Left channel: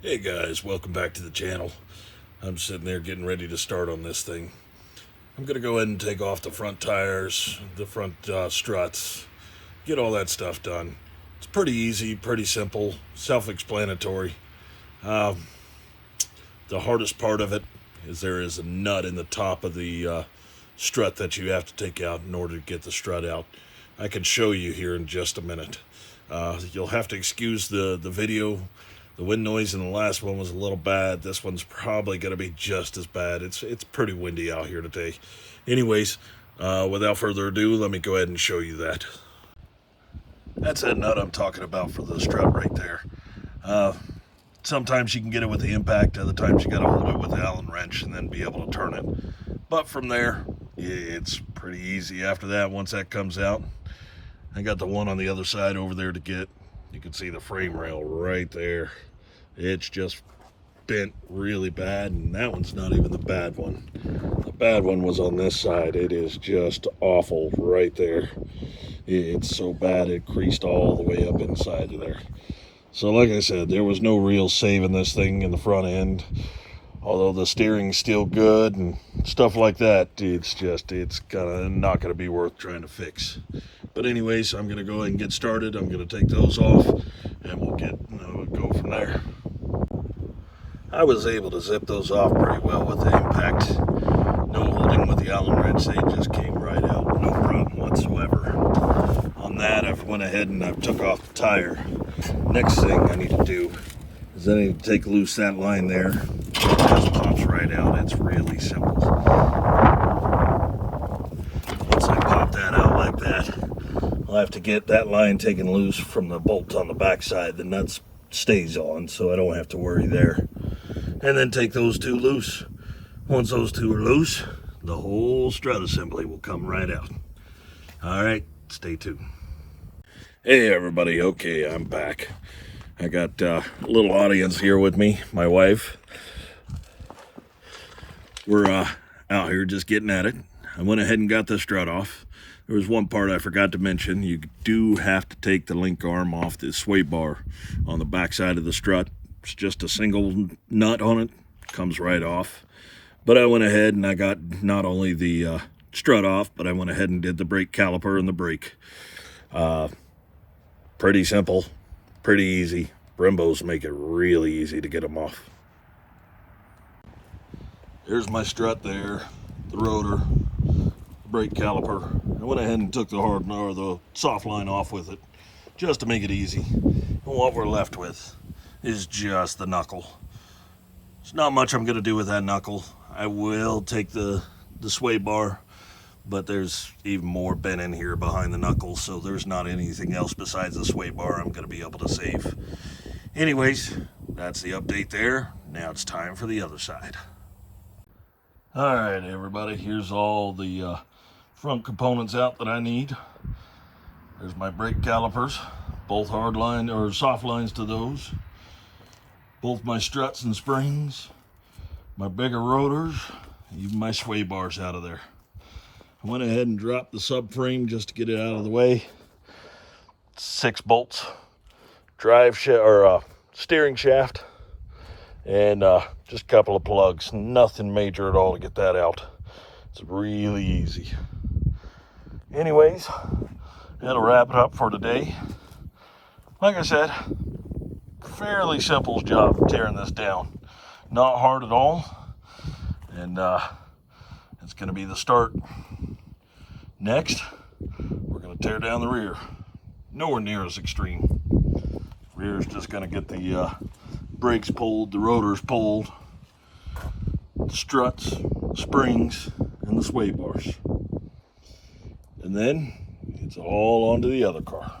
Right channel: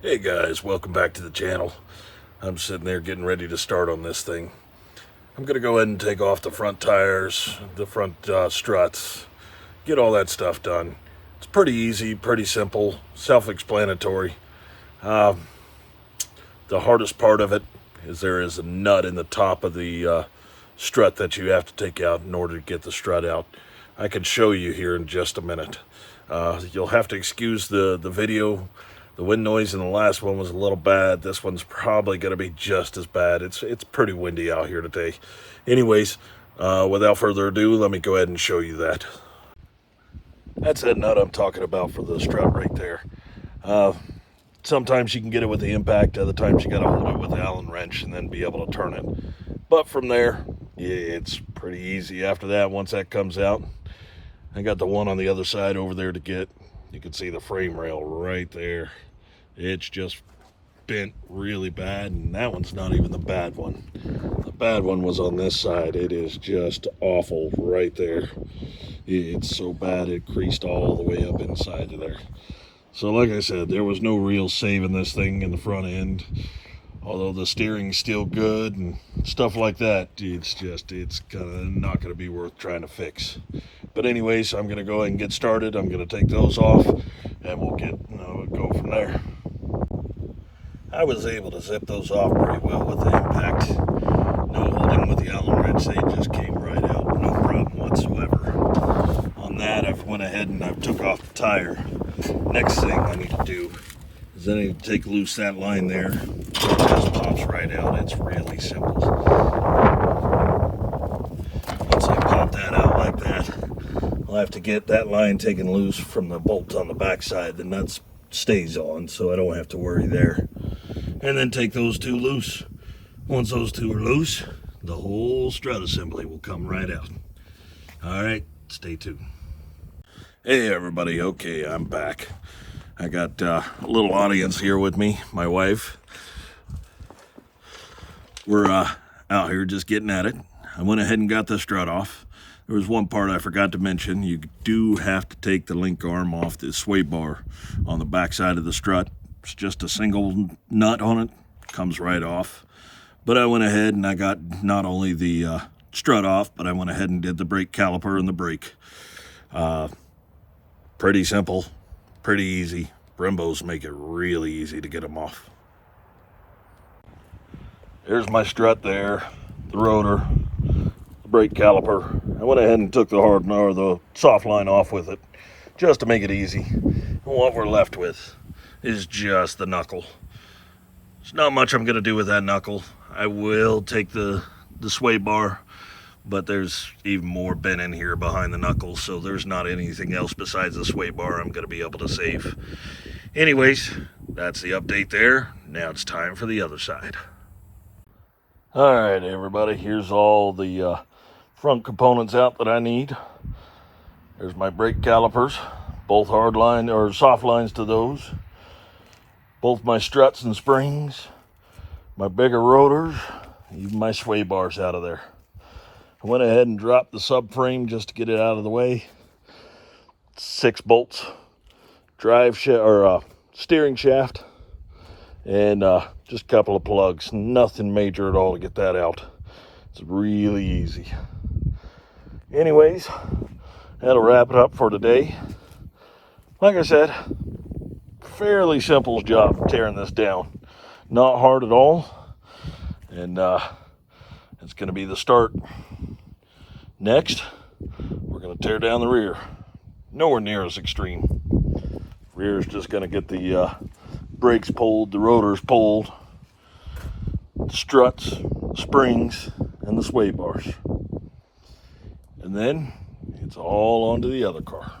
Hey guys, welcome back to the channel. I'm sitting there getting ready to start on this thing. I'm going to go ahead and take off the front tires, the front struts, get all that stuff done. It's pretty easy, pretty simple, self-explanatory. The hardest part of it is there is a nut in the top of the strut that you have to take out in order to get the strut out. I can show you here in just a minute. You'll have to excuse the video. The wind noise in the last one was a little bad. This one's probably going to be just as bad. It's pretty windy out here today. Anyways, without further ado, let me go ahead and show you that. That's that nut I'm talking about for the strut right there. Sometimes you can get it with the impact. Other times you got to hold it with the Allen wrench and then be able to turn it. But from there, yeah, it's pretty easy. After that, once that comes out, I got the one on the other side over there to get. You can see the frame rail right there. It's just bent really bad, and that one's not even the bad one. The bad one was on this side. It is just awful right there. It's so bad it creased all the way up inside of there. So like I said, there was no real saving this thing in the front end. Although the steering's still good and stuff like that, it's kind of not going to be worth trying to fix. But anyways, I'm going to go ahead and get started. I'm going to take those off, and we'll go from there. I was able to zip those off pretty well with the impact. No holding with the Allen wrench, they just came right out, no problem whatsoever. On that, I've went ahead and I've took off the tire. Next thing I need to do is I need to take loose that line there. It just pops right out. It's really simple. Once I pop that out like that, I'll have to get that line taken loose from the bolt on the backside. The nut stays on, so I don't have to worry there. And then take those two loose. Once those two are loose, the whole strut assembly will come right out. All right, stay tuned. Hey everybody, okay, I'm back. I got a little audience here with me, my wife. We're out here just getting at it. I went ahead and got the strut off. There was one part I forgot to mention. You do have to take the link arm off the sway bar on the back side of the strut. It's just a single nut on it, comes right off. But I went ahead and I got not only the strut off, but I went ahead and did the brake caliper and the brake. Pretty simple, pretty easy. Brembos make it really easy to get them off. Here's my strut there, the rotor, the brake caliper. I went ahead and took the soft line off with it, just to make it easy. And what we're left with is just the knuckle. There's not much I'm gonna do with that knuckle. I will take the sway bar, but there's even more bent in here behind the knuckle, so there's not anything else besides the sway bar I'm gonna be able to save. Anyways, that's the update there. Now it's time for the other side. All right, everybody, here's all the front components out that I need. There's my brake calipers, both hard line or soft lines to those. Both my struts and springs, my bigger rotors, even my sway bars out of there. I went ahead and dropped the subframe just to get it out of the way. 6 bolts, steering shaft, and just a couple of plugs. Nothing major at all to get that out. It's really easy. Anyways, that'll wrap it up for today. Like I said, fairly simple job of tearing this down. Not hard at all. And it's going to be the start. Next, we're going to tear down the rear. Nowhere near as extreme. Rear is just going to get the brakes pulled, the rotors pulled, the struts, springs, and the sway bars. And then it's all onto the other car.